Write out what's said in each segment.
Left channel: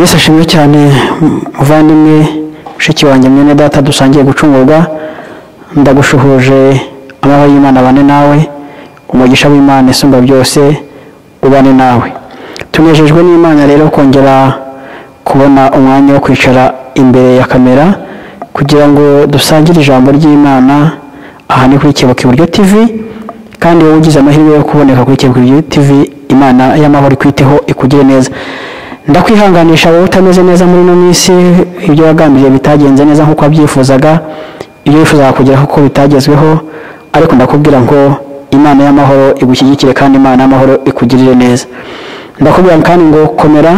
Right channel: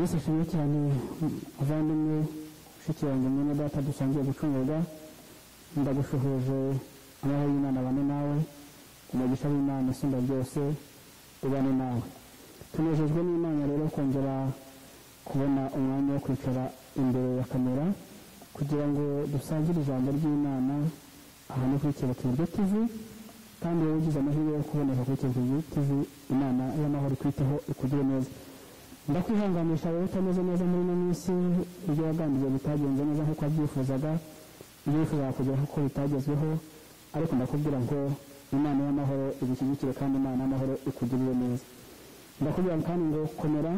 Yesu ashimwe cyane muvandimwe mushiki wanjye mwene data dusangiye gucungurwa. Ndagushuhuje amahoro y'Imana bane nawe, umugisha w'Imana isumba byose ubane nawe. Tunejejwe n'Imana rero kongera kubona umwanya wo kwicara imbere ya kamera kugira ngo dusangire ijambo ry'Imana. Aha ni kuri Kebuka Iburyo TV, kandi wowe ugize amahirwe yo kuboneka kuri Kebuka Iburyo TV, Imana y'amahoro ikwiteho ikugire neza. Ndakwihanganisha wowe utameze neza muri no minsi, ibyo wagambiriye bitagenze neza nkuko wabyifuzaga, ibyo wifuzaga kugeraho ko bitagezweho, ariko ndakubwira ngo Imana y'amahoro igushyigikire kandi Imana y'amahoro ikugirire neza. Ndakubwira kandi ngo komera,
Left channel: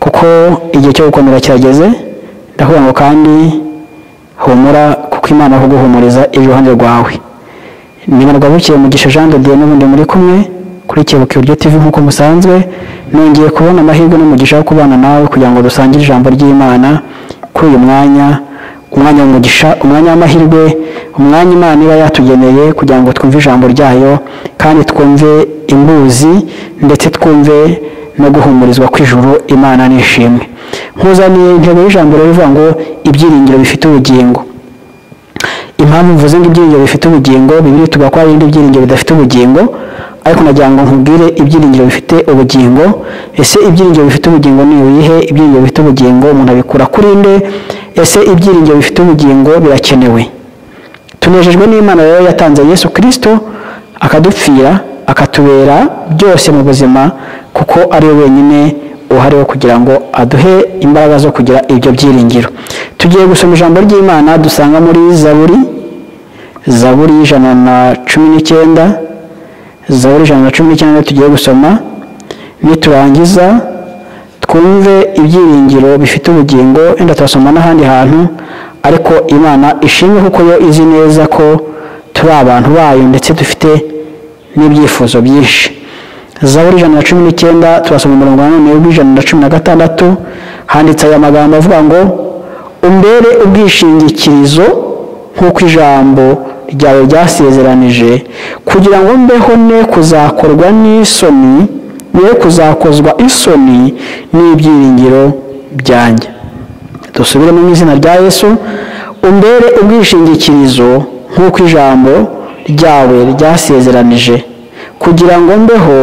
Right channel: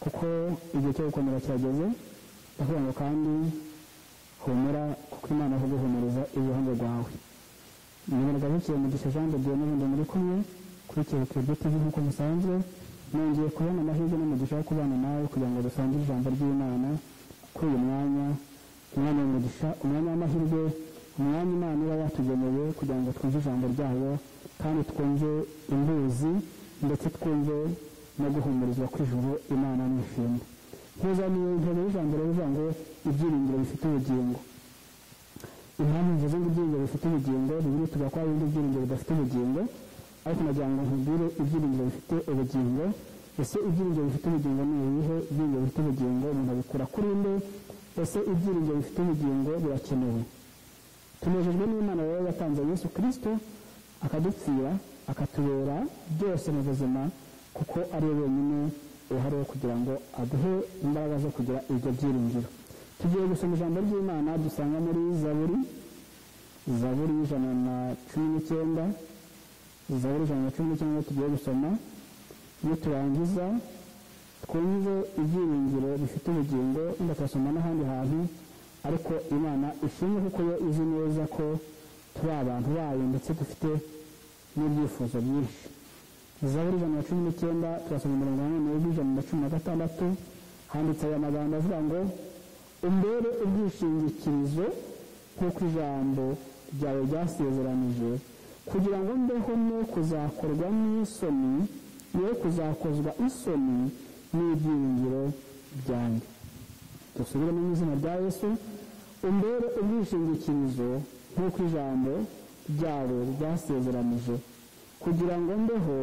kuko igihe cyo gukomera kirageze. Ndakubwira ngo kandi humura, kuko Imana aho guhumuriza iruhande rwawe. Nimanurwa bukiye Mugisha Jean de Dieu n'ubundi muri kumwe kuri Kebuka Iburyo TV nkuko musanzwe. Nongeye kubona amahirwe n'umugisha wo kubana nawe kugira ngo dusangire ijambo ry'Imana kuri uyu mwanya w'umugisha, umwanya w'amahirwe, umwanya Imana iba yatugeneye kugira ngo twumve ijambo ryayo kandi twumve imbuzi ndetse twumve no guhumurizwa kw'ijuru. Imana nishimwe. Nkuzaniye intego y'ijambo rivuga ngo ibyiringiro bifite ubugingo. Impamvu mvuze ngo ibyiringiro bifite ubugingo, Bibiliya tuvuga ko hari ibindi byiringiro bidafite ubugingo, ariko nagira ngo nkubwire ibyiringiro bifite ubugingo. Ese ibyiringiro bifite ubugingo ni ibihe? Ibyiringiro bifite ubugingo umuntu abikura kuri nde? Ese ibyiringiro bifite ubugingo birakenewe? Tunejejwe n'Imana rero yatanze Yesu Kristo akadupfira, akatubera byose mu buzima, kuko ari we wenyine uhariho kugira ngo aduhe imbaraga zo kugira ibyo byiringiro. Tugiye gusoma ijambo ry'Imana dusanga muri Zaburi 119. Zaburi 119 tugiye gusoma, niturangiza twumve ibyiringiro bifite ubugingo. Enda turasoma n'ahandi hantu, ariko Imana ishimwe kuko yo izi neza ko turi abantu bayo ndetse dufite n'ibyifuzo byinshi. Zaburi 119 turasoma umurongo wa 116, handitse aya magambo avuga ngo umbere ubwishingikirizo nk'uko ijambo ryawe ryasezeranije, kugira ngo mbeho ne kuzakorwa n'isoni, ne kuzakozwa isoni n'ibyiringiro byanjye. Dusubire mu izina rya Yesu. Umbere ubwishingikirizo nk'uko ijambo ryawe ryasezeranije, kugira ngo mbeho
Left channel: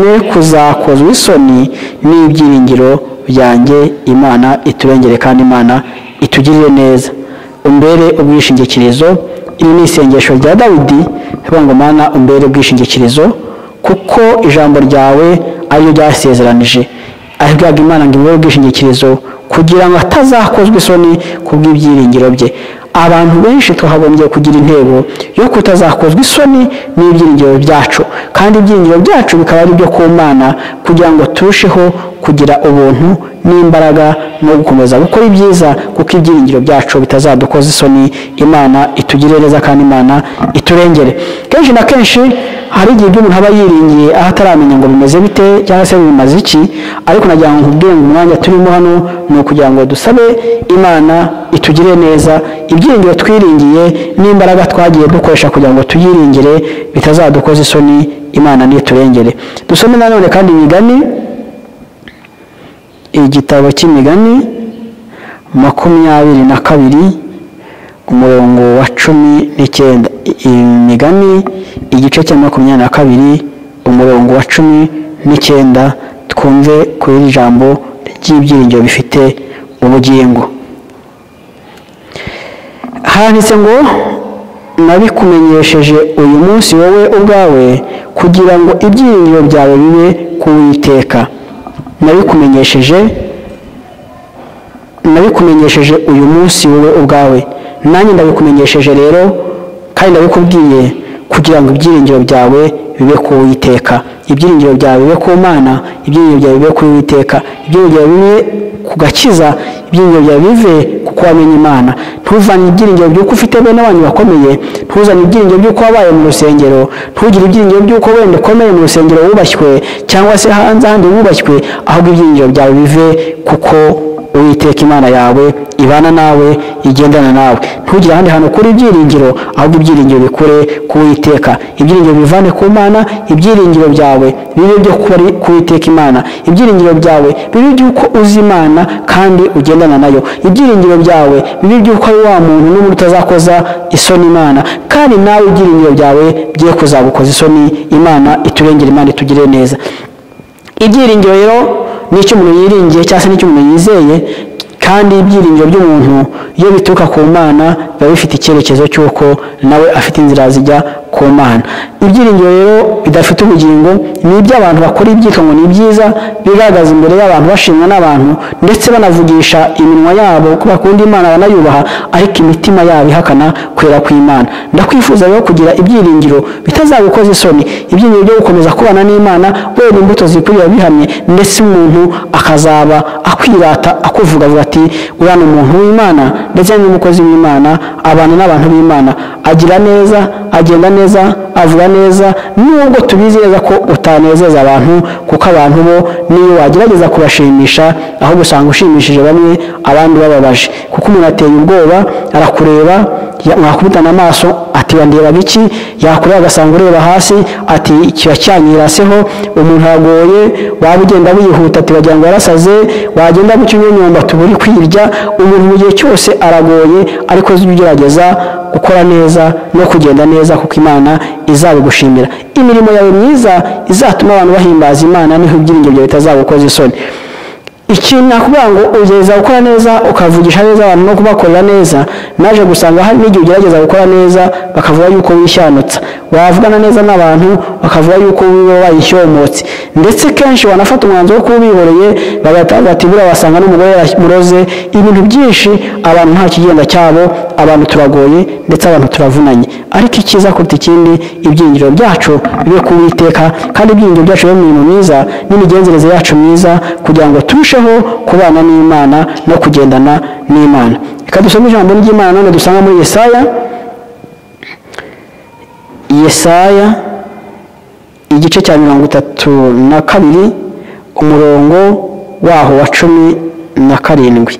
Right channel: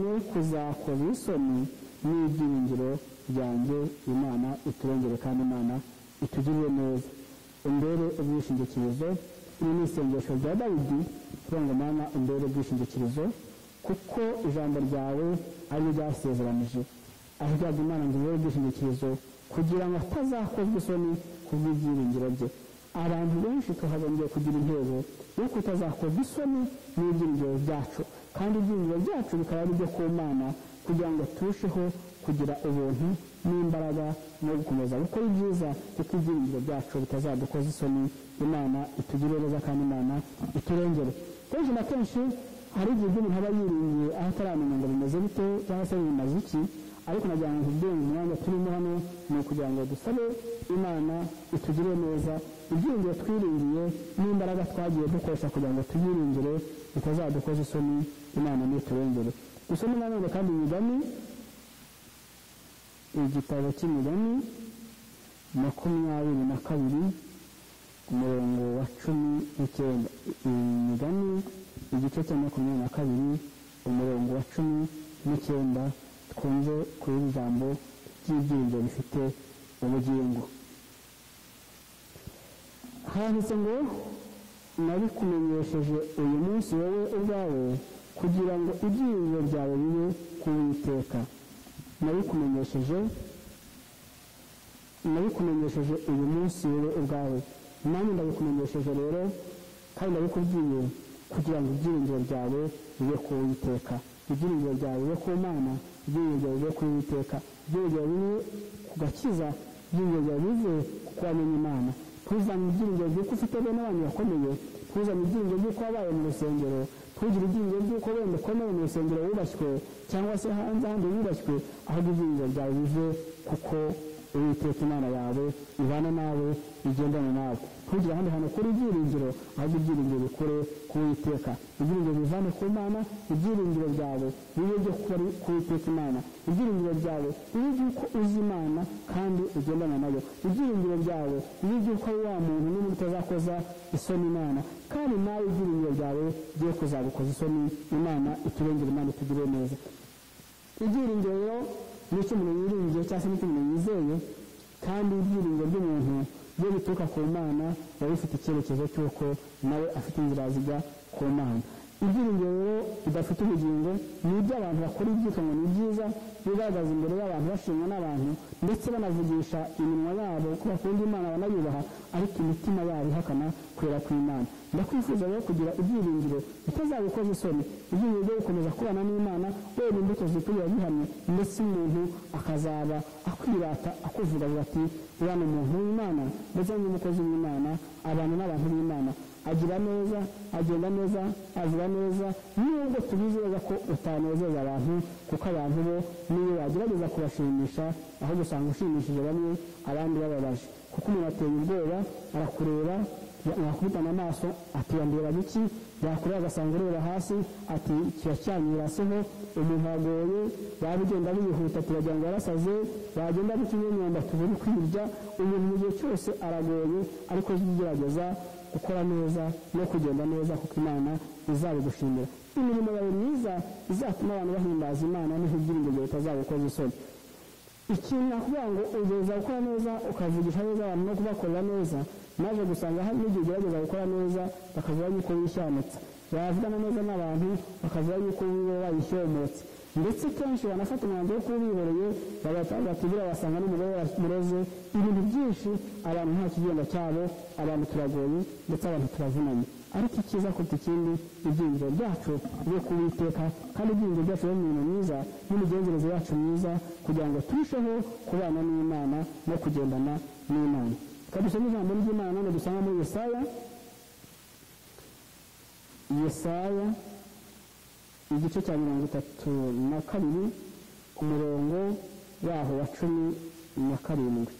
ne kuzakozwa isoni n'ibyiringiro byanjye. Imana iturengere kandi Imana itugirire neza. Umbere ubwishingikirizo, iri ni isengesho rya Dawidi avuga ngo Mana umbere ubwishingikirizo kuko ijambo ryawe ariyo ryasezeranije. Ahubwo Imana ngo imbere ubwishingikirizo kugira ngo atazakozwa isoni kubw'ibyiringiro bye. Abantu benshi twahagombye kugira intego yo kutazakozwa isoni n'ibyiringiro byacu, kandi ibyiringiro byacu bikaba ari byo ku Mana, kugira ngo turusheho kugira ubuntu n'imbaraga no gukomeza gukora ibyiza, kuko ibyiringiro byacu bitazadukoza isoni. Imana itugirire neza kandi Imana iturengere. Kenshi na kenshi hari igihe umuntu aba yiringiye aho ataramenya ngo bimeze bite cyangwa se bimaze iki, ariko nagira ngo nkubwire ngo umwanya turimo hano ni ukugira ngo dusabe Imana itugire neza. Ibyiringiro twiringiye n'imbaraga twagiye dukoresha kugira ngo tuyiringire bitazadukoza isoni. Imana niturengere. Dusome nanone kandi Imigani, igitabo cy'Imigani 22 umurongo wa 19. Imigani igice cya 22 umurongo wa 19, twumve kuri ijambo ry'ibyiringiro bifite ubugingo. Handitse ngo nabikumenyesheje uyu munsi wowe ubwawe, kugira ngo ibyiringiro byawe bibe ku Uwiteka. Nabikumenyesheje uyu munsi wowe ubwawe. Nanjye ndabikumenyesheje rero kandi ndabikubwiye kugira ngo ibyiringiro byawe bibe ku Uwiteka. Ibyiringiro byawe bibe ku Mana, ibyiringiro byawe bibe ku Uwiteka, ibyiringiro byawe bibe ku gakiza, ibyiringiro byawe bive kuko wamenye Imana. Ntuzane ibyiringiro by'uko ufite bene wanyu bakomeye, ntuzane ibyiringiro by'uko wabaye mu rusengero, ntugire ibyiringiro by'uko wenda ukomeye mu rusengero wubashywe cyangwa se hanze ahandi wubashywe, ahubwo ibyiringiro byawe bive kuko Uwiteka Imana yawe ibana nawe, igendana nawe. Ntugire ahandi hantu kuri ibyiringiro, ahubwo ibyiringiro bikure ku Uwiteka. Ibyiringiro bivane ku Mana, ibyiringiro byawe bibe byo ku Uwiteka Imana. Ibyiringiro byawe bibe by'uko uzi Imana kandi ugendana nayo. Ibyiringiro byawe bibe by'uko ari wa muntu n'umuntu utazakoza isoni Imana, kandi nawe ibyiringiro byawe bye kuzagukoza isoni Imana. Iturengere, Imana itugire neza. Ibyiringiro rero ni icyo umuntu yiringiye cyangwa se n'icyo umuntu yizeye, kandi ibyiringiro by'umuntu iyo bituruka ku Mana biba bifite icyerekezo cy'uko nawe afite inzira zijya ku Mana. Ibyiringiro rero bidafite ubugingo ni iby'abantu bakora ibyitwa ngo ni byiza, bigaragaza imbere y'abantu bashimwa n'abantu ndetse banavugisha iminwa yabo ko bakunda Imana banayubaha, ariko imitima yabo ihakana kwera kw'Imana. Ndakwifuza rero kugira ibyiringiro bitazagukoza isoni, ibyiringiro byo gukomeza kubana n'Imana wera imbuto zikurira bihamye, ndetse umuntu akazaba akwirata akuvuga avuga ati uriya ni umuntu w'Imana ndetse n'umukozi w'Imana, abana n'abantu b'Imana, agira neza, agenda neza, avuga neza, nubwo tubizi neza ko utanezeza abantu, kuko abantu bo niyo wagerageza kubashimisha ahubwo usanga ushimishije bamwe abandi bababaje, kuko umuntu ateye ubwoba arakureba mwakubitana amaso ati wandeba biki, yakureba agasanga ureba hasi ati kiba cyanyiraseho. Umuntu aragoye, waba ugenda wihuta ati wagira ngo yarasaze, wagenda mu cyunyonyomba tuburi kwirya. Umuntu mu gihe cyose aragoye, ariko ugerageza gukora neza no kugenda neza, kuko Imana izabigushimira. Imirimo yawe myiza izatuma abantu bahimbaza Imana, niho ibyiringiro byawe bitazagukoza isoni. Ikintu nakubwira ngo ugerageza gukora neza, ukavugisha neza abantu no kubakorera neza, naje gusanga hari n'igihe ugerageza gukora neza bakavuga yuko wishanutsa, wavugana neza n'abantu bakavuga yuko wiwe wayishyomotse, ndetse kenshi wanafata umwanzuro wo kubihoreye bagataga ati buriya wasanga n'umugore muroze. Ibintu byinshi abantu nta kigenda cyabo, abantu turagoye ndetse abantu turavunanye, ariko icyiza kuruta ikindi ibyiringiro byacu bibe ku Uwiteka, kandi ibyiringiro byacu bibe mu mirimo myiza n'imigenzereze yacu myiza, kugira ngo turusheho kubana n'Imana no kugendana n'Imana. Reka dusome ijambo ry'Imana none dusanga muri Yesaya igice cya 32 umurongo waho wa 17.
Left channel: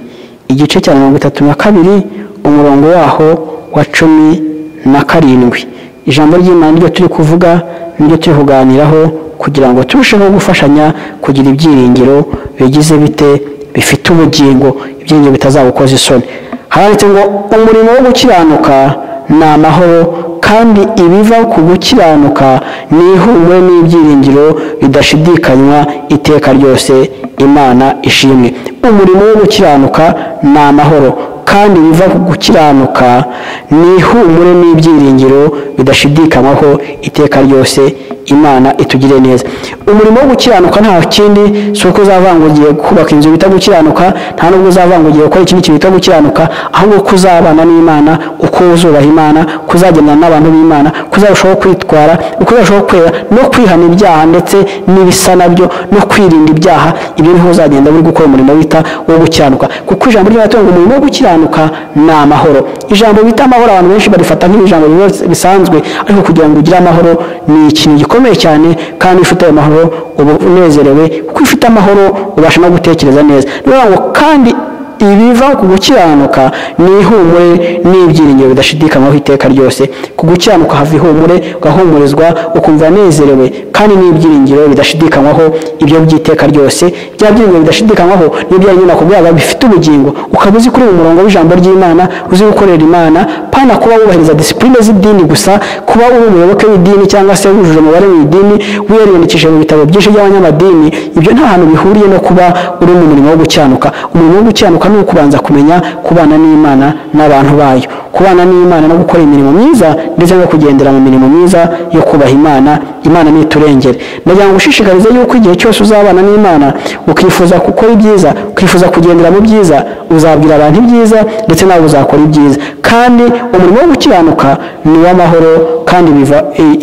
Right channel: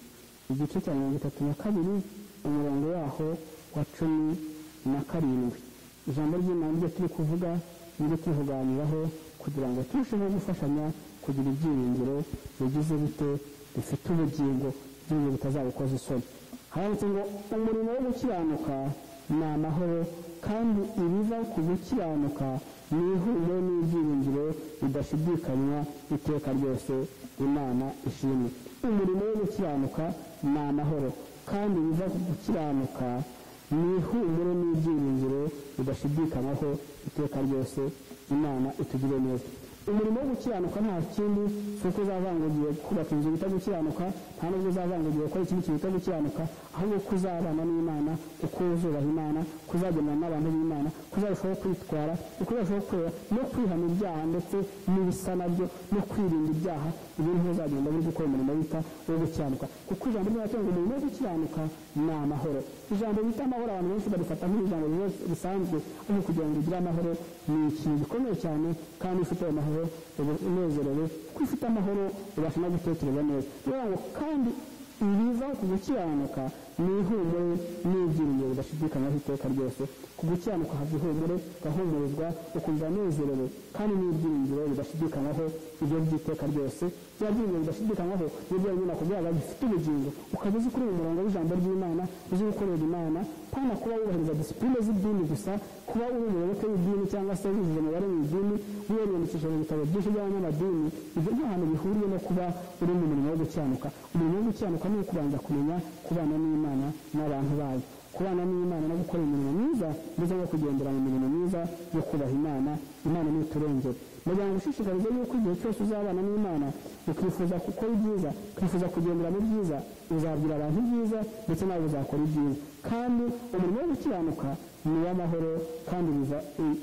Igice cya 32 umurongo waho wa 17. Ijambo ry'Imana ryo turi kuvuga niryo turi kuganiraho, kugira ngo turusheho gufashanya kugira ibyiringiro bigize bite bifite ubugingo, ibyiringiro bitazagukoza isoni. Handitse ngo umurimo wo gukiranuka ni amahoro, kandi ibiva ku gukiranuka ni ihumure n'ibyiringiro bidashidikanywa iteka ryose. Imana ishimwe. Umurimo wo gukiranuka ni amahoro, kandi biva ku gukiranuka ni ihumure n'ibyiringiro bidashidikanywaho iteka ryose. Imana itugire neza. Umurimo wo gukiranuka nta kindi suko uzavangugiye kubaka inzu bita gukiranuka, nta nubwo uzavangugiye gukora ikindi kintu bita gukiranuka, ahubwo kuzabana n'Imana, uko uzubaha Imana, kuzagendana n'abantu b'Imana, kuzarushaho kwitwara, ukuzarushaho kwera no kwihana ibyaha ndetse n'ibisa nabyo no kwirinda ibyaha. Ibyo niho uzagenda buri gukora umurimo wita wo gukiranuka, kuko ijambo ry'Imana ngo umurimo wo gukiranuka ni amahoro. Ijambo bita amahoro abantu benshi barifata nk'ijambo bisanzwe, ariko kugira ngo ugire amahoro ni ikintu gikomeye cyane, kandi ufite amahoro uba unezerewe, kuko ufite amahoro ubasha no gutekereza neza. Niyo kandi ibiva ku gukiranuka ni ihumure n'ibyiringiro bidashidikanywaho iteka ryose. Ku gukiranuka hava ihumure, ugahumurizwa ukumva nezerewe, kandi n'ibyiringiro bidashidikanywaho ibyo by'iteka ryose. Bya byiringiro bidashidikanywaho n'ibyo nyine nakubwiraga bifite ubugingo, ukaba uzi kuri mu murongo w'ijambo ry'Imana, uzi gukorera Imana, pana kuba wubahiriza disipline z'idini gusa, kuba uri umuyoboke w'idini cyangwa se wujuje umubare w'idini, wiyandikishije mu bitabo byinshi by'abanyamadini. Ibyo nta hantu bihuriye no kuba uri mu murimo wo gukiranuka. Umurimo wo gukiranuka ni ukubanza kumenya kubana n'Imana n'abantu bayo, kubana n'Imana no gukora imirimo myiza ndetse no kugendera mu mirimo myiza yo kubaha Imana. Imana ni turengere. Ndagira ngo ushishikarize yuko igihe cyose uzabana n'Imana ukifuza gukora ibyiza, ukifuza kugendera mu byiza, uzabwira abantu ibyiza ndetse nawe uzakora ibyiza. Kandi umurimo wo gukiranuka ni w'amahoro, kandi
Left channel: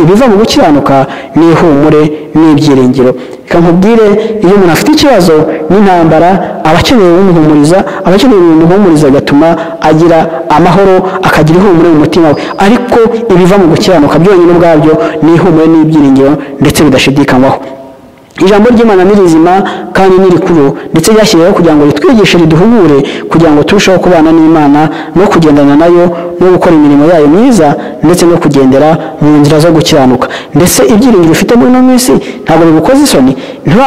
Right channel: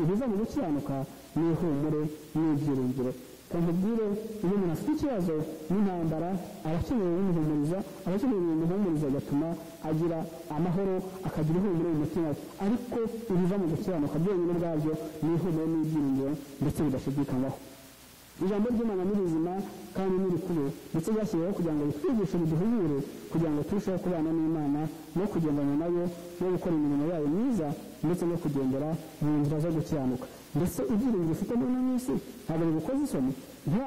ibiva mu gukiranuka ni ihumure n'ibyiringiro. Reka nkubwire, iyo umuntu afite ikibazo n'intambara, abakeneye umuhumuriza, abakeneye umuhumuriza gatuma agira amahoro, akagira ihumure mu mutima we. Ariko ibiva mu gukiranuka byonyine ubwabyo ni ihumure n'ibyiringiro ndetse bidashidikanywaho. ijambo ry'Imana ni rizima kandi ni rikuru ndetse ryashyiriweho kugira ngo ritwigishe riduhugure kugira ngo turusheho kubana n'Imana no kugendana nayo no gukora imirimo yayo myiza ndetse no kugendera mu nzira zo gukiranuka. Ndetse ibyiringiro ufite muri ino minsi ntabwo bigukoze isoni,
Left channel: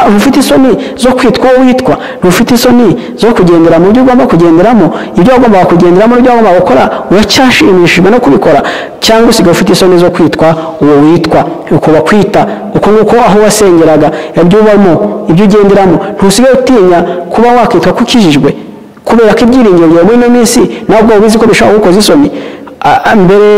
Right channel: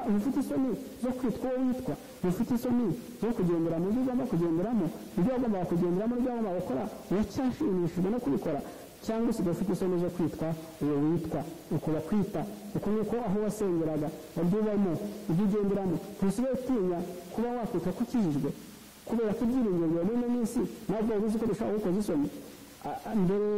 ntufite isoni zo kwitwa uwo witwa, ntufite isoni zo kugendera mu byo ugomba kugenderamo, ibyo wagombaga kugenderamo n'ibyo wagombaga gukora uracyashimishijwe no kubikora, cyangwa usigaye ufite isoni zo kwitwa uwo witwa, uko bakwita uko nguko aho wasengeraga, ibyo ubamo, ibyo ugenderamo, ntusigaye utinya kuba wakitwa ko ukijijwe kubera ko ibyiringiro byawe muri ino minsi ntabwo ubizi ko bishobora gukoza isoni. Mbere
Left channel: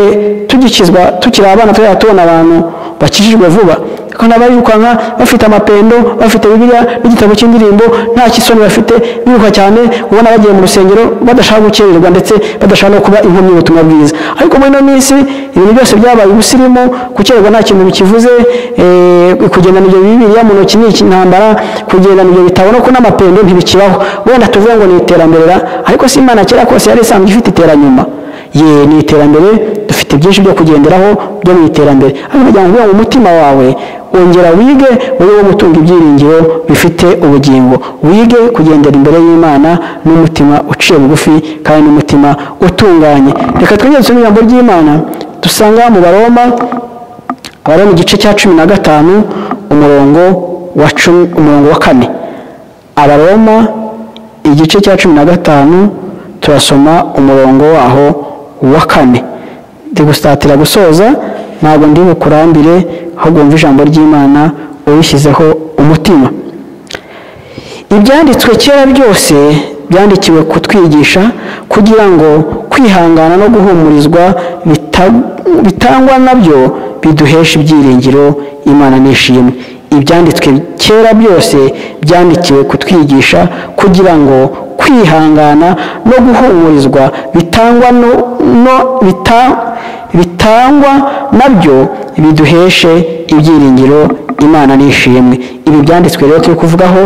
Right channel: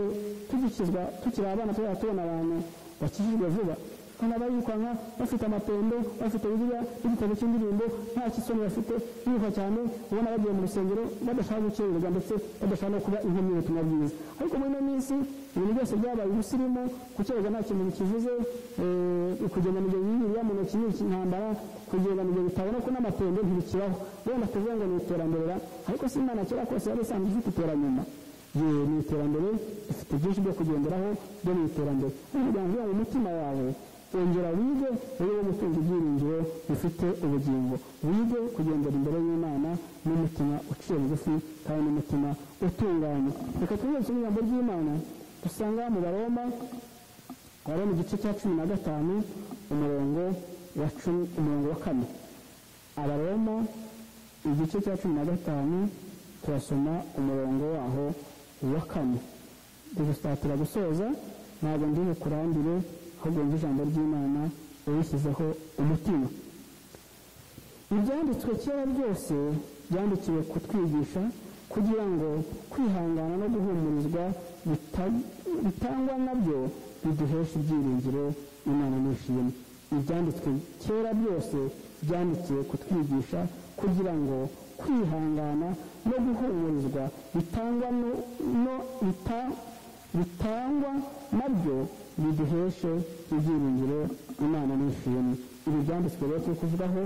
tugikizwa tukiri abana tubona abantu bakijijwe vuba kandi abayirukanka bafite amapendo, bafite Bibiliya n'igitabo cy'indirimbo, nta kisoni bafite, biruka cyane, ubona bagiye mu rusengero badashaka gukererwa ndetse badashaka no kuba inkomyi y'ubutumwa bwiza. Ariko muri ino minsi ibintu byose byabaye ubusirimu, gukererwa nta kintu bikivuze, kugendana ibyo Bibiliya mu ntoki ni intambara, kugendana ibyo bitabo no kuna amapendo ntibikibaho. Wenda tuvuge ngo ni iterambere, ariko si Imana kera kose yari isanzwe ifite iteranyuma. Ni iterambere, dufite byinshi byo kugenderaho byo mu iterambere. Ariko kugira ngo mu mutima wawe ongera wige wowe gutunga ibyiringiro bifite ubugingo, wige kugendera imbere y'Imana n'umutima uciye bugufi kandi n'umutima utunganye. Reka twongere dusome ijambo ry'Imana dusanga mu Baroma igice cya 15 umurongo wa 4. Abaroma igice cya 15 turasoma umurongo waho wa 4. Ndigustatira gusoza, ntabwo ndi bukurambire ahubwo umva ijambo ry'Imana ubishyizeho umutima. Ibyanditswe kera byose byandikiwe kutwigisha kugira ngo kwihangana no guhumurizwa bitangwa nabyo biduhesha ibyiringiro Imana nishimwe. Ibyanditswe kera byose byandikiwe kutwigisha kugira ngo kwihangana no guhumurizwa bitangwa nabyo biduheshe ibyiringiro Imana nishimwe. Ibi byanditswe rero turi kuvugaho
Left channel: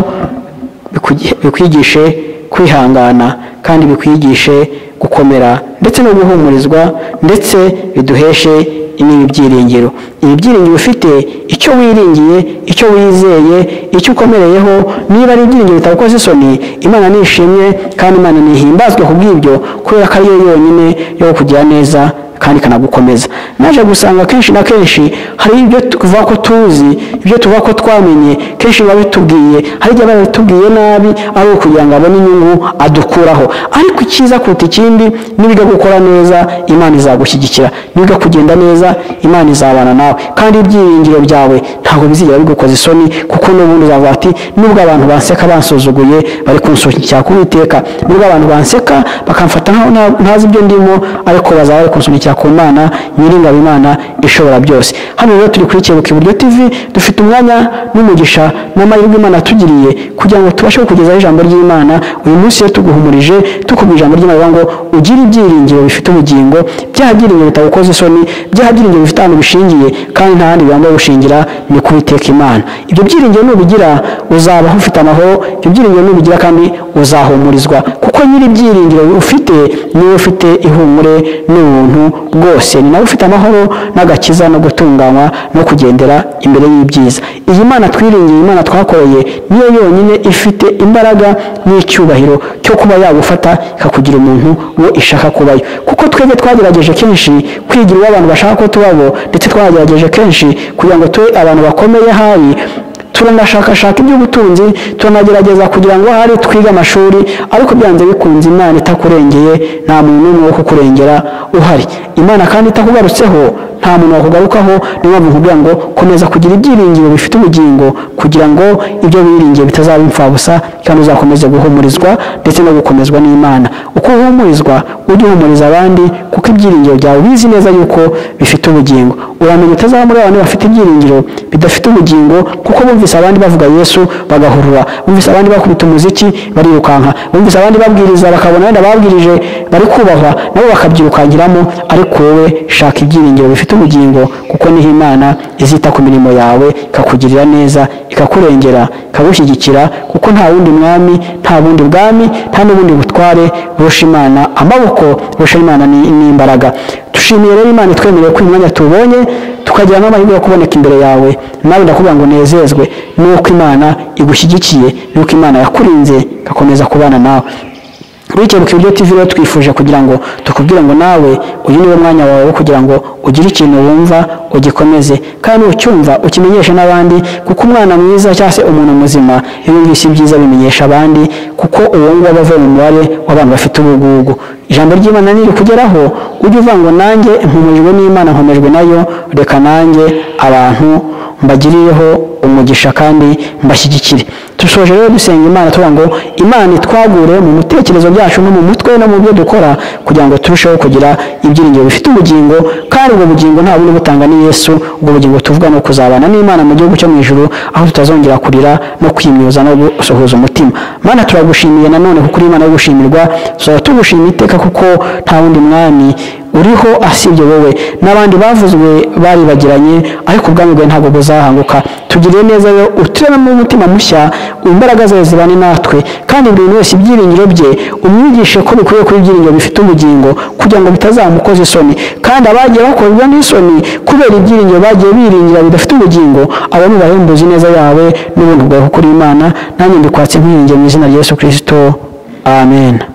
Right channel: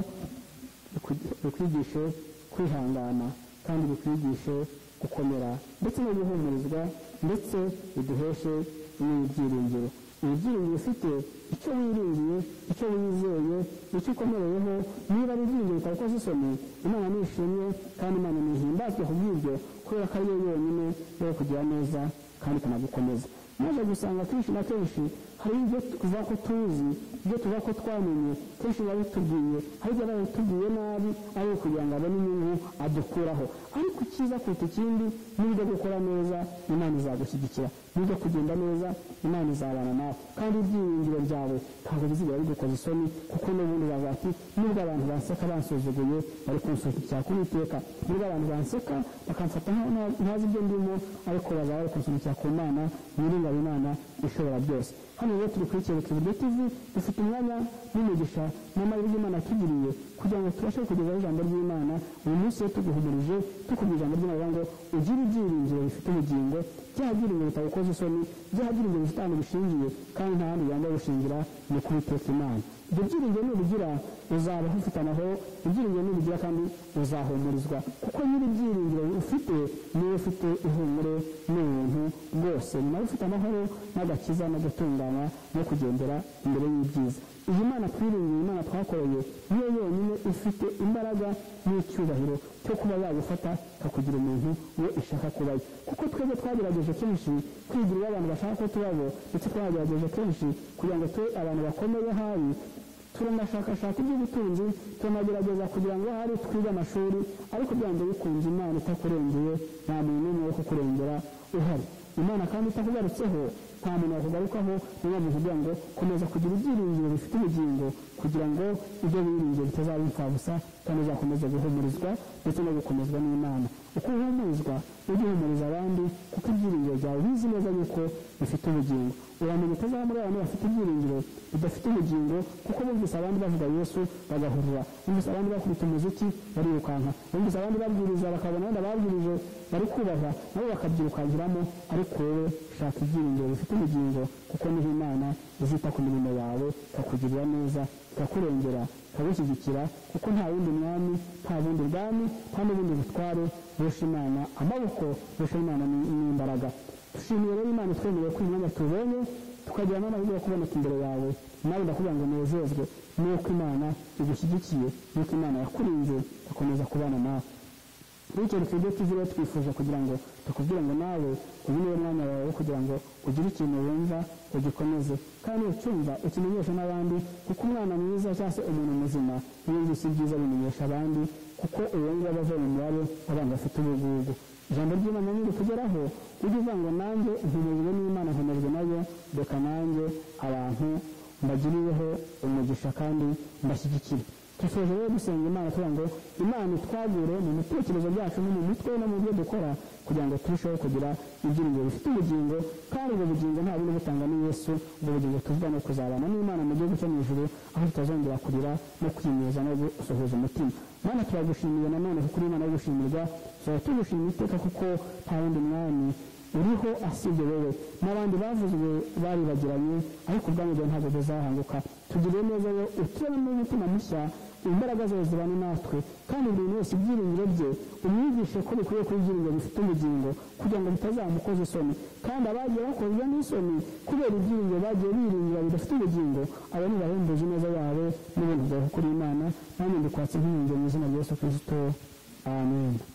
bikwigishe kwihangana kandi bikwigishe gukomera ndetse no guhumurizwa ndetse biduheshe ibyiringiro. Ibi byiringiro ufite icyo wiringiye, icyo wizeye, icyo ukomereyeho, niba ari ibyiringiro bitagukoze isoni, Imana nishimye kandi Imana nihimbazwe kubw'ibyo, kubera ko ari yo yonyine yo kugira neza kandi kanagukomeza. Naje gusanga kenshi na kenshi hari ibyo tuvuga ko tuzi, ibyo tuvuga ko twamenye, kenshi biba bitubwiye, hari igihe baba bitubwiye nabi ari ukugira ngo abone inyungu adukuraho. Ariko icyiza kuruta ikindi, nibiga gukora neza Imana izagushyigikira, nibiga kugenda neza Imana izabana nawe, kandi ibyiringiro byawe ntabwo bizigera bigukoza isoni, kuko n'ubundi uzavuga ati nubwo abantu banseka bansuzuguye bari kunsukira ku Uwiteka, nubwo abantu banseka bakamfata ntazi ibyo ndimo, ariko bazaba bari kunsukira ku Mana Nyiringabo, Imana ishobora byose. Hano rero turi kuri Kebuka Iburyo TV, dufite umwanya n'umugisha n'amahirwe Imana tugiriye kugira ngo tubashe kukugezaho ijambo ry'Imana. Uyu munsi rero tuguhumurije tukubwira ijambo ry'Imana ngo ugire ibyiringiro bifite ubugingo, bya byiringiro bitagukoza isoni, bya byiringiro bifite ahantu bishingiye kandi nta handi bigomba gushingira, ni ku Uwiteka Imana. Ibyo byiringiro nubigira uzabaho ufite amahoro, ibyo byiringiro nubigira kandi uzahumurizwa, kuko nyiri ibyiringiro ufite niwe ufite ihumure n'ubuntu bwose, ni nawe ufite amahoro n'agakiza no gutunganywa no kugendera imbere y'ibyiza. Iyi Mana twiringiye, Imana twakoreye, niyo yonyine ifite imbaraga n'icyubahiro cyo kuba yagufata ikakugira umuntu wo ishaka kubayo. Kuko twebwe twagerageje kenshi kwigira uwo abantu bashaka ko tubabo, ndetse twagerageje kenshi kugira ngo tube abantu bakomeye hari, turanashakashaka iby'ubutunzi, turanagerageza kugira ngo hari twiga amashuri, ariko byanze bikunze Imana itakurengeye nta muntu n'umwe wo kukurengera uhari. Imana kandi itakugarutseho nta muntu wakugarukaho. Niyo mpamvu nkubwira ngo komeza kugira ibyiringiro bifite ubugingo, kugira ngo ibyo wiringiye bitazaba imfabusa, kandi uzakomeze guhumurizwa ndetse no gukomezwa n'Imana. Uko uhumurizwa ujye uhumuriza abandi, kuko ibyiringiro byawe bizi neza yuko bifite ubugingo. Uramenya utazaba muri abantu bafite ibyiringiro bidafite ubugingo, kuko bumvise abandi bavuga Yesu bagahurura, bumvise abandi bakubita umuziki barirukanka, bumvise abandi babwiriza bakabona wenda babwirije bari kubahwa nabo bakabyirukangiramo. Ariko wowe shaka ibyiringiro bifite ubugingo, kuko niho Imana izita ku mirimo yawe, ikakugirira neza, ikakurengera, ikagushyigikira, kuko nta wundi mwami, nta bundi bwami, nta n'ubundi ubutware burusha Imana amaboko, burusha Imana n'imbaraga. Dushimiye rero Imana itwemereye ko uyu mwanya tubonye tukagira n'amahirwe yo kuboneka imbere yawe. Nawe ndakubwira ngo nezezwe nuko Imana igushyigikiye, nuko Imana yakurinze gakomeza kubana nawe. Urikebuka Ibiryo TV rero twifuje kugira ngo tukubwire ngo nawe uyu niwe mwanya wawe kugira ngo ugire ikintu wumva ugikomeze, kandi ucyumva ukimenyeshe n'abandi, kuko umwana mwiza cyangwa se umuntu muzima iyo yumvise ibyiza bimenyesha abandi, kuko uwo nguwo aba avuye mu mubare w'abantu bafite ubugugu. Ijambo ry'Imana niri kugeraho ujye uvuga ngo nanjye mpumujwe n'Imana, nkomejwe nayo, reka nanjye abantu mbagirireho umugisha kandi mbashyigikire. Dusoje rero dusenga Imana tuvuga ngo Imana itwagure mu mutekerezo byacu no mu mutwe no mu byo dukora, kugira ngo turusheho kugira ibyiringiro bifite ubugingo, kandi ubwo bugingo nta bundi butanga ni Yesu. Ubwo bugingo tuvuga no kuzabana n'Imana mu gihugu cyo mu ijuru, aho tutazongera kurira no kwimyoza no gusohoza umutima. Mana turagushimiye nanone kuko uri Imana yo gushimirwa, tuzaba tugushimira iteka kuko nta wundi mwami uriho asibye wowe. N'abandi bavuzwe baribagiranye, ariko ubwami bwawe ntabwo buzahanguka. Tugirire neza rero utureme mu mutima mushya, imbaraga zawe zibane natwe, kandi buri wese ibyiringiro bye umwigishe ko bikwiye kuba ibyiringiro bifite ubugingo, kugira ngo bitazamukoza isoni. Kandi abagiye bakorwa n'isoni kubera ibyiringiro bagiye biringira bidafite ubugingo, abo nubahembuze neza yawe n'ubuntu bwawe kuko uri Imana. Nanjye ndikwatse nkwiringiye mu izina rya Yesu Kristo, amen.